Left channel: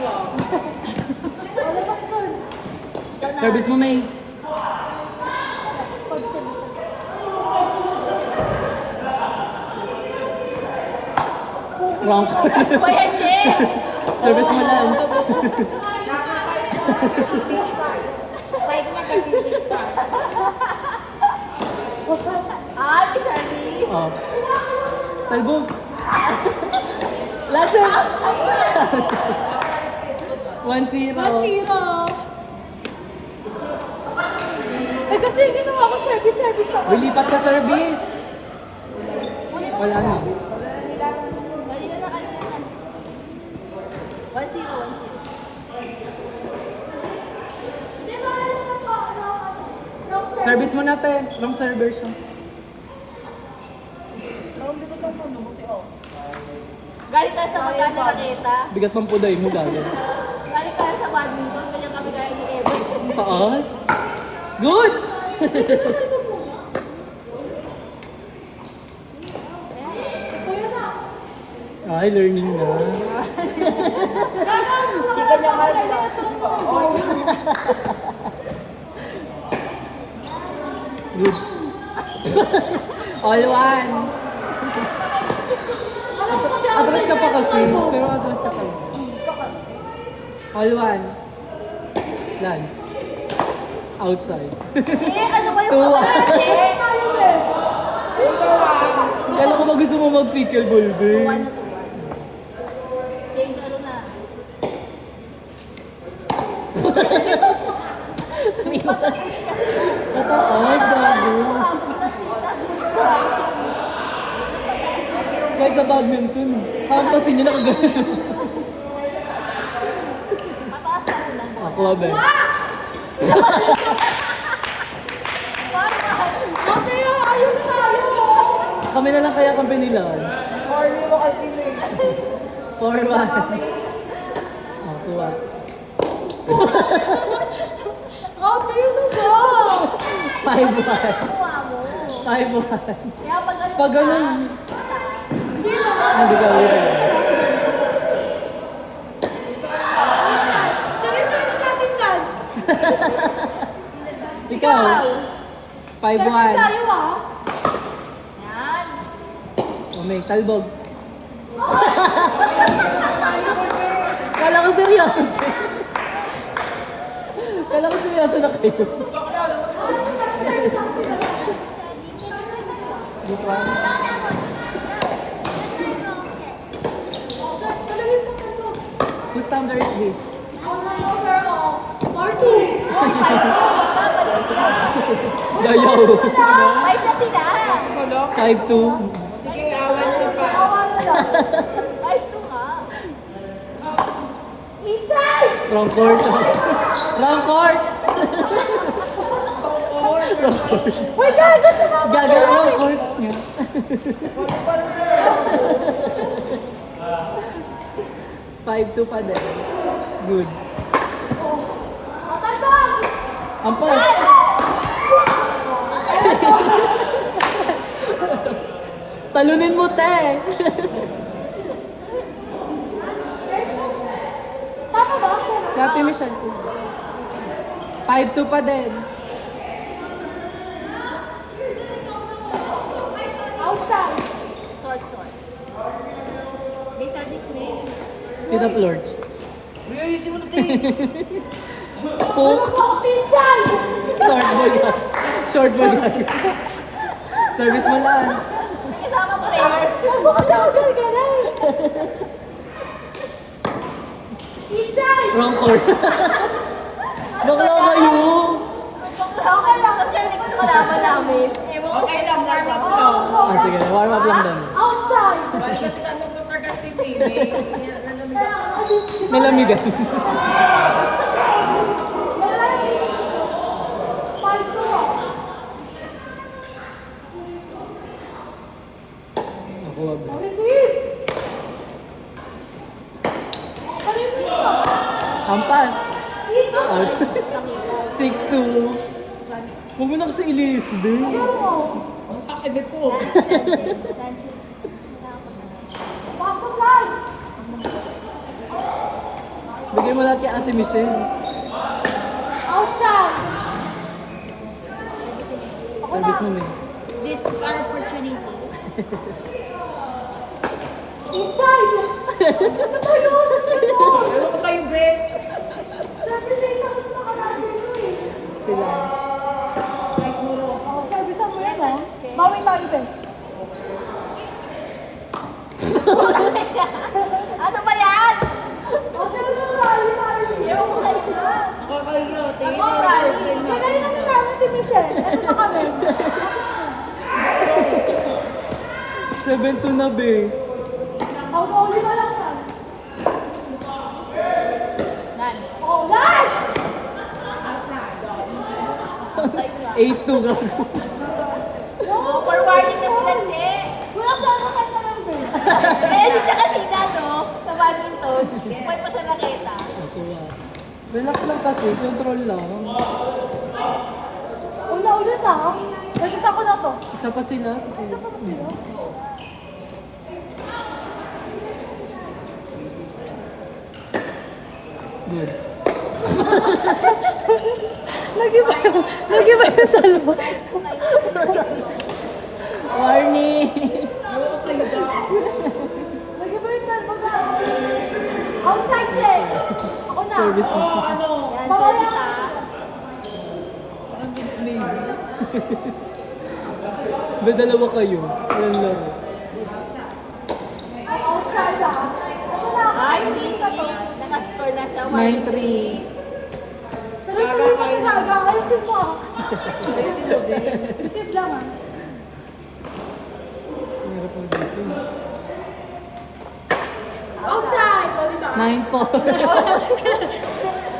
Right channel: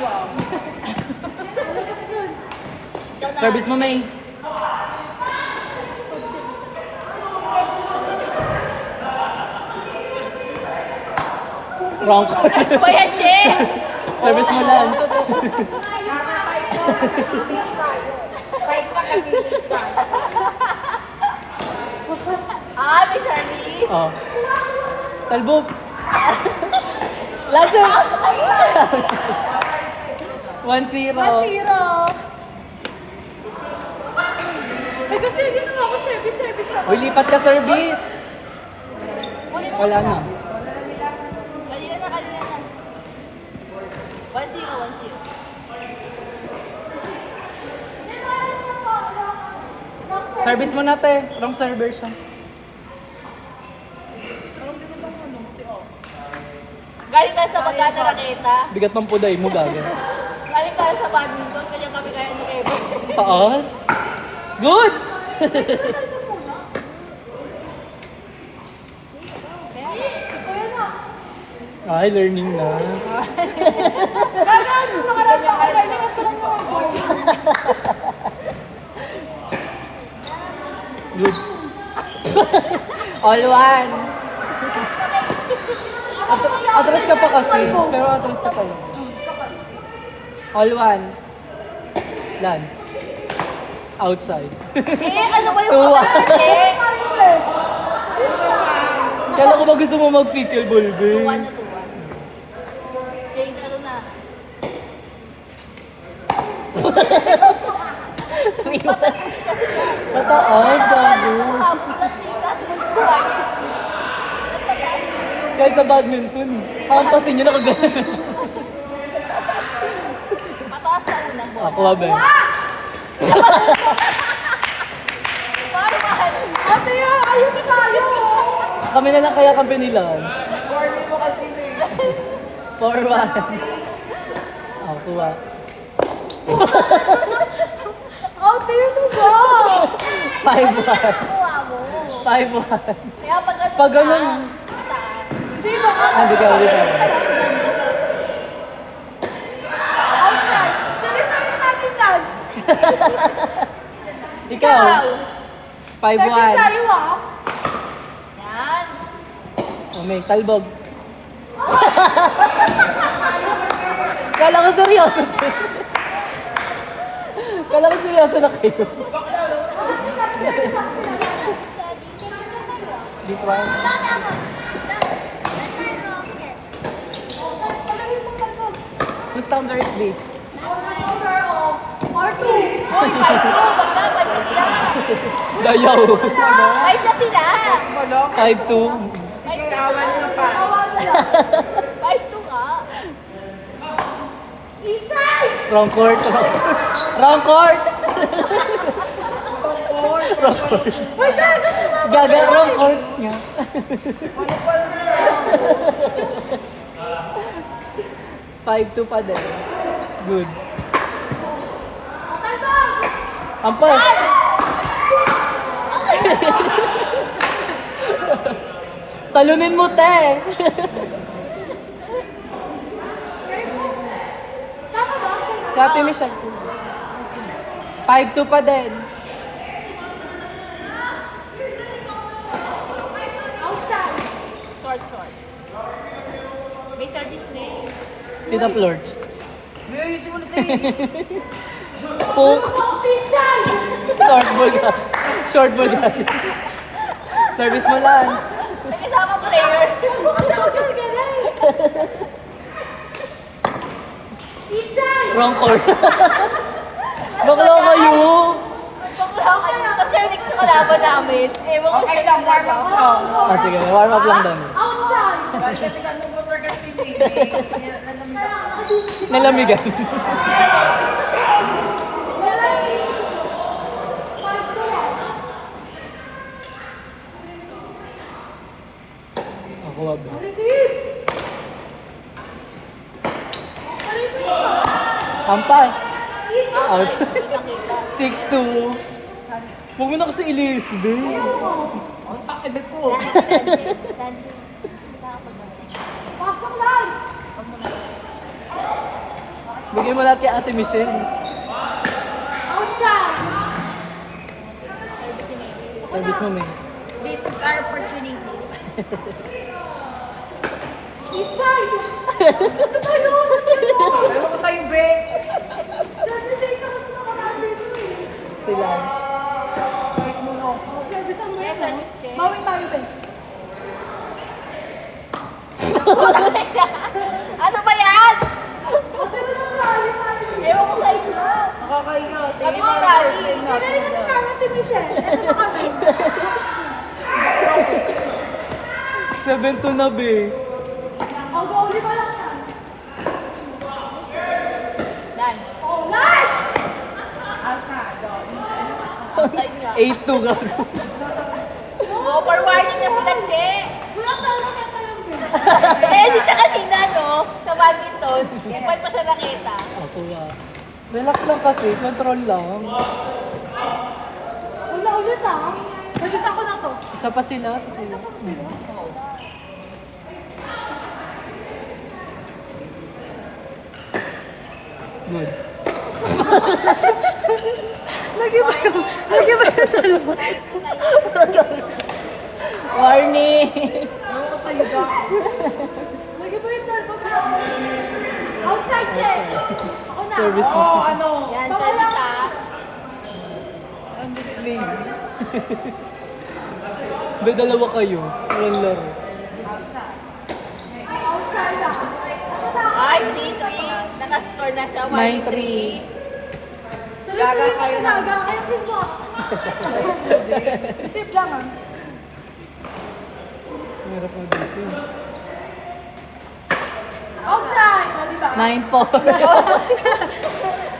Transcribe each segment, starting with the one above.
Wow. Service mo, May. Wrong court. Ano ba yan, Jen? Service mo, Lance. Ah, may Charlie. Oh. Talbog. Lance, 1-0. 1-0. Ay, kasi ginawa ko service ako. Uy, lipat sa service. Wala na. Kanina na. 1-0. Service mo natin. Wrong server siya. Galing tayo sa magkano raketa. Bigat ng puday mo, galing. Galing tayo sa badminton. Kanya kami kaya ni Kevin. Paas. Good! Kuya na. Ay, learning na. Good. All one. Alam ko kasi Atras ka pa kasi. Talbog. Pero atras ka pa. All one. Lance. Outside. Eh, ano ba yung Oo. kapatid? Eh, Kala ko ba gusto mo mag-pickleball, babe? 1 na to. Okay, ano na. Mataas, bago. Kahit sa badminton, parang kasi nyo nakagana siya. Mataas na. Ah, kuha ba? Ate, ayun tayo. Kami na lang kaya kampi nila. 4-1. Ah, kuha. Ate, ano ba? 5-1. 5-1. Kaya pag ano Pag ganun, hindi lang. hindi ka ulit. Outside. Seryosohin natin, Lance. Ikaw, 5-1. Service tayo, ah. Yan. May talbog. Kala ko seryoso. Kala ko seryoso na kayo. This one. Whose thunder is this? R2. Dayaw. Ay, na sila. 5-2. Ay, ito nga. Inside! Wrong court. Wrong court. Uy, gago sumama. Gagal wrong court. 5-2 pa din. Good. Ampas. Talunin mo, te. Tama ba siya? Sa atin mo siya. 5-2 pa din. Outside. Short. Big service may. Pita Plorge. Ayusin mo na tayo. Poke. Inside! Short ball ka. Short ball ka. Service mo lang. May kasama player. Huwag mo kasi ako gargaray. Inside! Wrong court. Bakla kayo. Okay lang kasi yung sa kalaban namin. Ewan ko. Okay lang, warm up lang. Ah, sige. Warm up lang daw. Outside! Bali kasi ka nung mag-organ si Mimi. Lalamig ako. Nalamigan. Ako wag. Receive! Ampas. Inside! 6-2. Huwag mo na kasi Elizabeth. Ang takibit ko. Pasok, Lance! Bigyan mo natin kay Ate Michelle. Outside! Ako na. Service mo, May. This is our opportunity. Inside! Ano ba yun? Ayaw ko sa'yo, be. Sabi sa isa ko nakakalabi ito eh. Sila. Kahit mulo. Oh, sabi sa mga ito. Bawi tayo ba? Ano ba yan? Hotel ng rally tayo. Ewan ko sa inyo. Nakakahiya. Ewan ko rally. Hindi ka rin natatanan si Michelle. Ito na kami. 7-2 na, be. Oh, bawi pa lang yan. Yan. Oh, live! 8-2 ka. Oh, forwarding na sila, Che. Wala sa ano kayo pa yung game. Eh, di siya kanina, no? Sa badminton. Ba't pa siya nakita? Ako nga. Relax lang kasi, control lang. Una ulit ha? Nagisa ko na to. Isa pa sila, sa sila. Good. Nag-iba yung dalawa. Morning! Nag-iba yung dalawa. Outside, Che. Ako na. Service mo. Ano? Babaya ko. Ba dalawa kayo? Yan lang. Outside ako. Ay, 3-3. Nakascore na siya. 9-3. Tuloy-tuloy mo talaga. Ayusin mo. Receive lang ah. Meron po dito. Outside! O, diba? 9-4.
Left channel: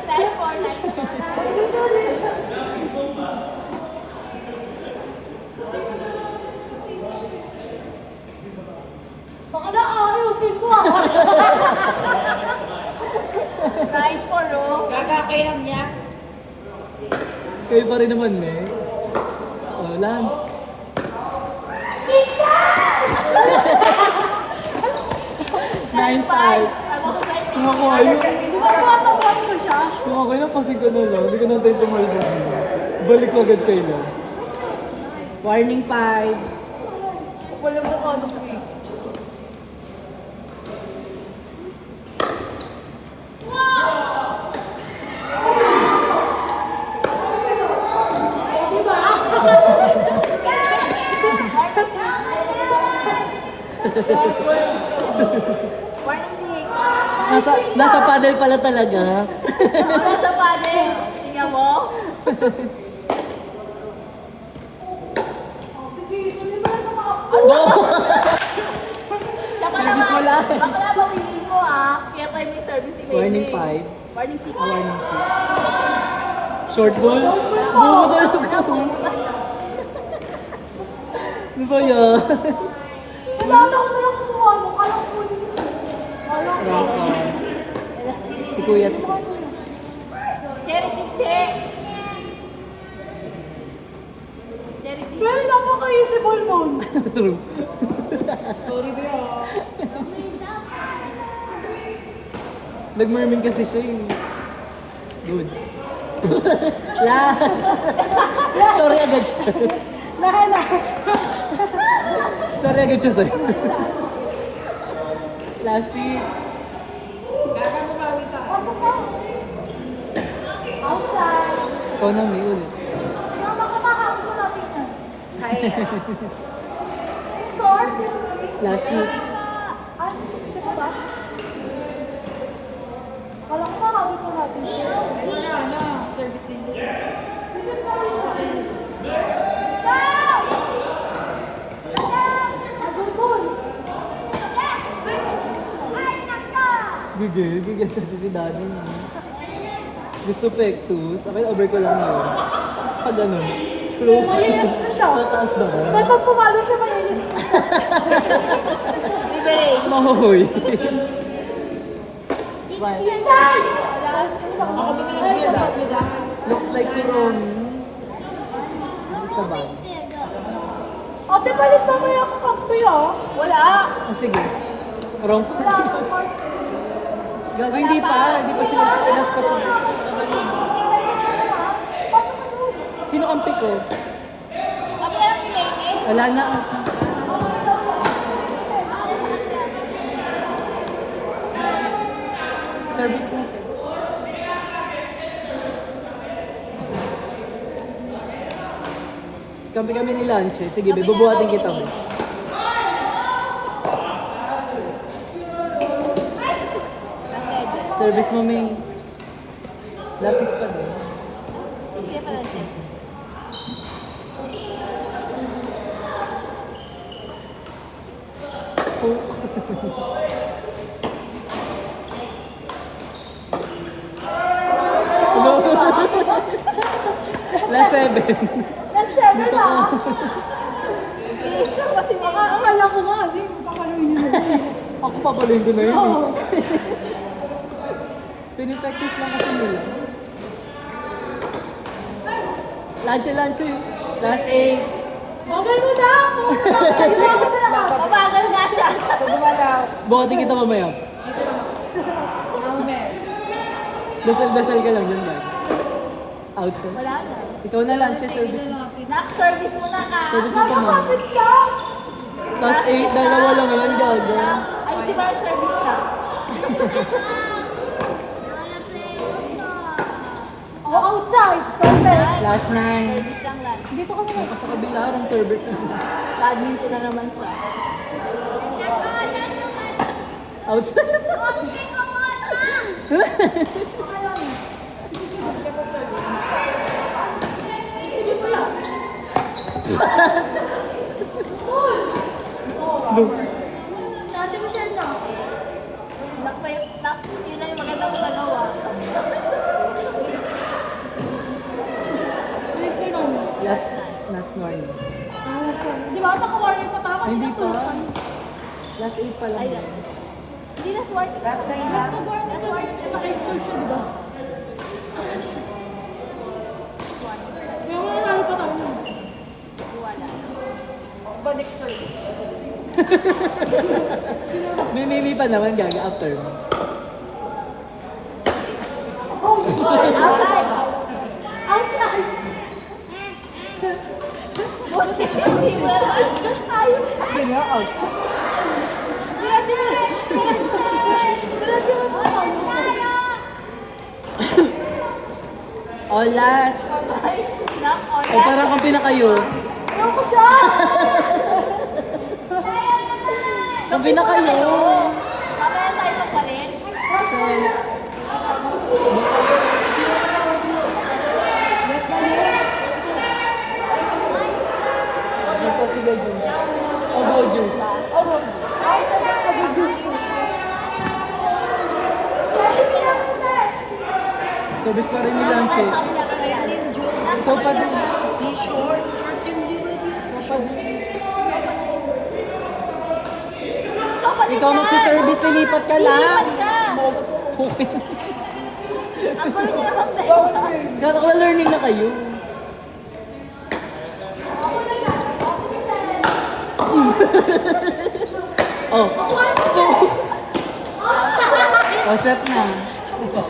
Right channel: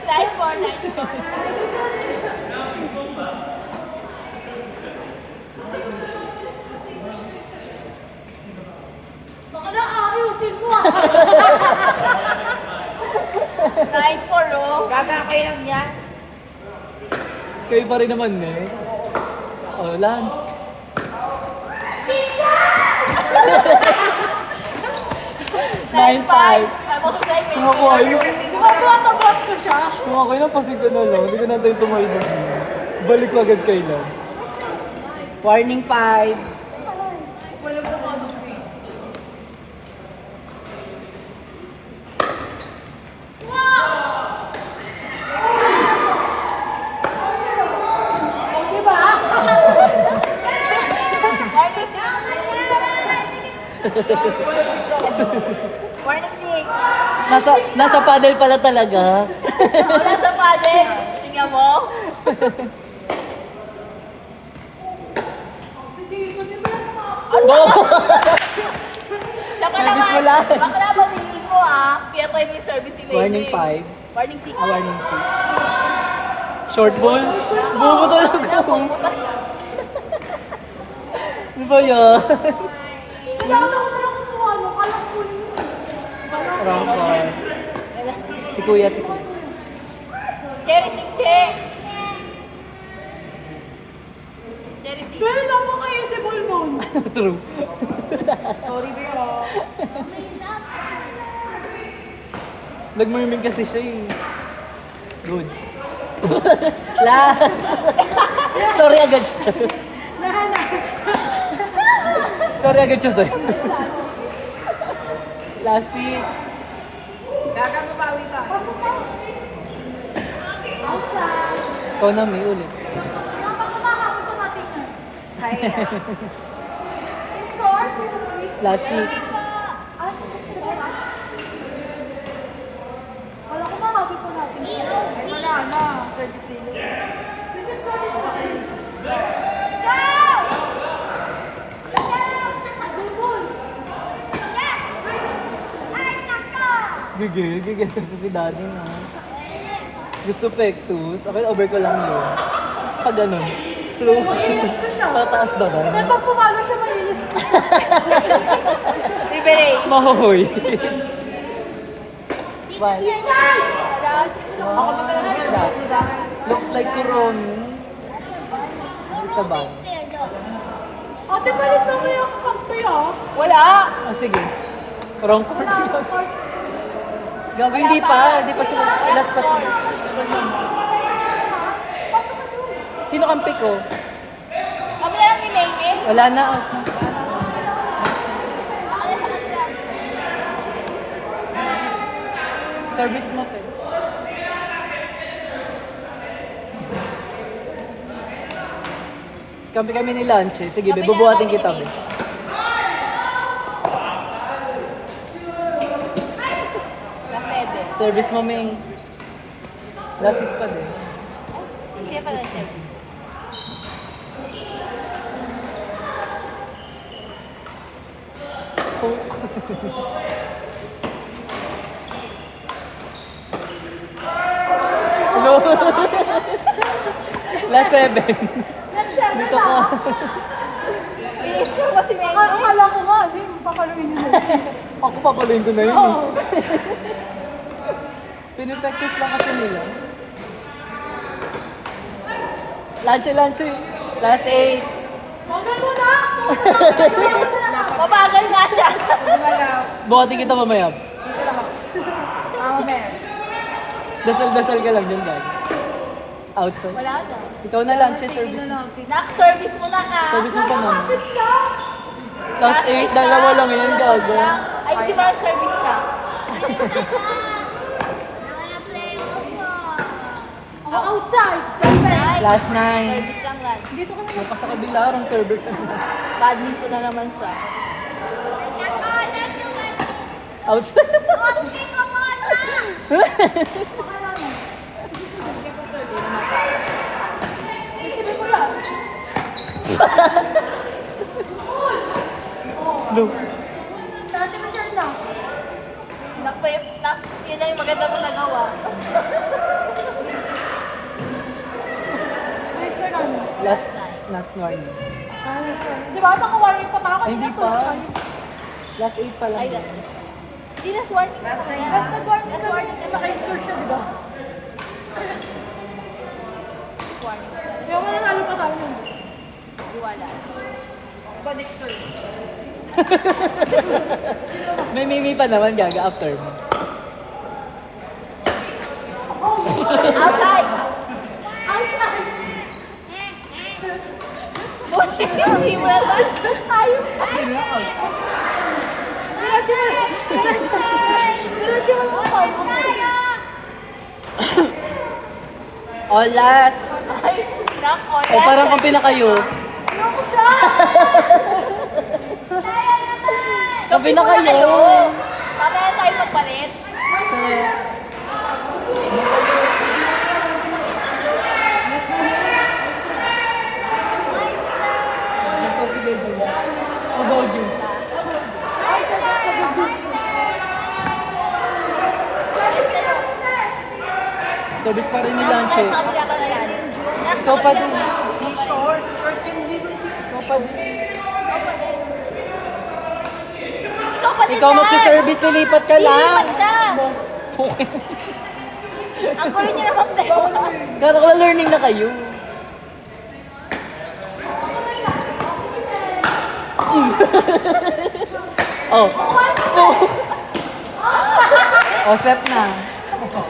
9-4. Baka na ayusin mo ah. 9-4, oh. Kakakayam niya. Kayo pa rin naman, eh. Oh, Lance. 9-5. Ako to try Mga kayo. Matatapat ko siya. Mga kayo, pasig ko na lang. Hindi ko natin tumalbo. Balik agad kayo. Warning 5. Wala na ako nung be. Diba? Warning 6. Nasa paddle pala talaga. Wala sa pwede. Tingnan mo. Saka naman. Wala. Ako na bawiin mo, ah. Kaya tayo may service si Baby. Warning 5. Warning 6. Warning 6. Short ball? Bubo talaga. Ano ba yan? Kailangan ko na lang kumuha mo. Kala ko kunin mo. Rock on. Si Kuya, si Kuya. Cherry 6, Che. Cherry 6. Pero napaka-usable nun. True. Sorry, be. Oh. Nagmurming kasi siya eh. Good. Last. Sorry agad siya. Nahana. Sorry agad siya sa'yo. Last 6. Gagawin tayo. Ikaw na, may ulit. Kaya. Last 6. Wala ko na hawis mo natin. Ayun na. Service nila. Gigil kasi si daddy na. Gusto pectus. Akin over ko lang yun. Pag ano, close. Mayayas ko siya. Tataas ba ba? Hindi, pag pumalo siya, mayayas. Liberate. Mahoy. Ako na lang sa pagkuda. Looks like people. Sa ba? Ate, palit na may ako kampi ah. Wala. Ah, sige. Wrong part. Gago, hindi pa. Hindi pa sila. Pilas pa sila. Sino kampi ko? Ako na lang ni Meke. Wala na ako. Ako na sa kanila. Service na. Kampi kami ni Lanchi. Sige, Kami na bubuhatin lang kita. kami ni Meke. Service mo, May. Last 6 pa din. Kaya pala siya. No. Last 7. Nag-7 na. Akala ko nga, hindi, papaluin nyo na. Ako papaluin ko na yun. Pinipectus lang ako nila. Lanchi. Last 8. Magal mo na! Pumunta ka sa'yo, ako na lang. Babagal nga siya. Pag gumalaw, Buhatin kita mamaya. dito lang ako. Mama, Mer. Dasal-dasal ka lang dyan, guys. Outside. Wala na. Ikaw na Lanchi. Service. Nak-service mo na ka. Service mo ka na. Bakit ka? Last 8, dalawa lang yun, gago. Ay, si Bar service na. Ako outside. Perfect. Last 9. Service lang na. Dito ka naman. Sa kabila, ang server ka. Badminton na naman sa. Outside. Sabi mo lang. No. Dati mo siya na. Yun na yung maganda mo nagawa. Please ka namin. Last morning. Di ba? Naka-warning pa tayo. Ay, hindi pa. Kanina Last 8 pa lang. Hindi na swerte. Last night. Mas nag-warning kami. Naka-score siya, di ba? Yung mga namin pa tayo. Connect service. May mimi pa naman, gaga, after mo. Outside. Outside! Hindi mo na. Hindi na, out. Oh, last. Nako. Oh, parang kung pinakayo. Ako siya! Kung pinakayo. Mamaya tayo magpalit. Juice o si Go Juice? O Go Juice? Service pa rin ni Lanche. Ikaw pa din. Di short. Short yung di ba? Ikaw magsiservice, nilipat ka lang. Lilipat ka. Ang gulo niya naman tayo. Gano'n ka learning na kayo. Oh. Oh, set na.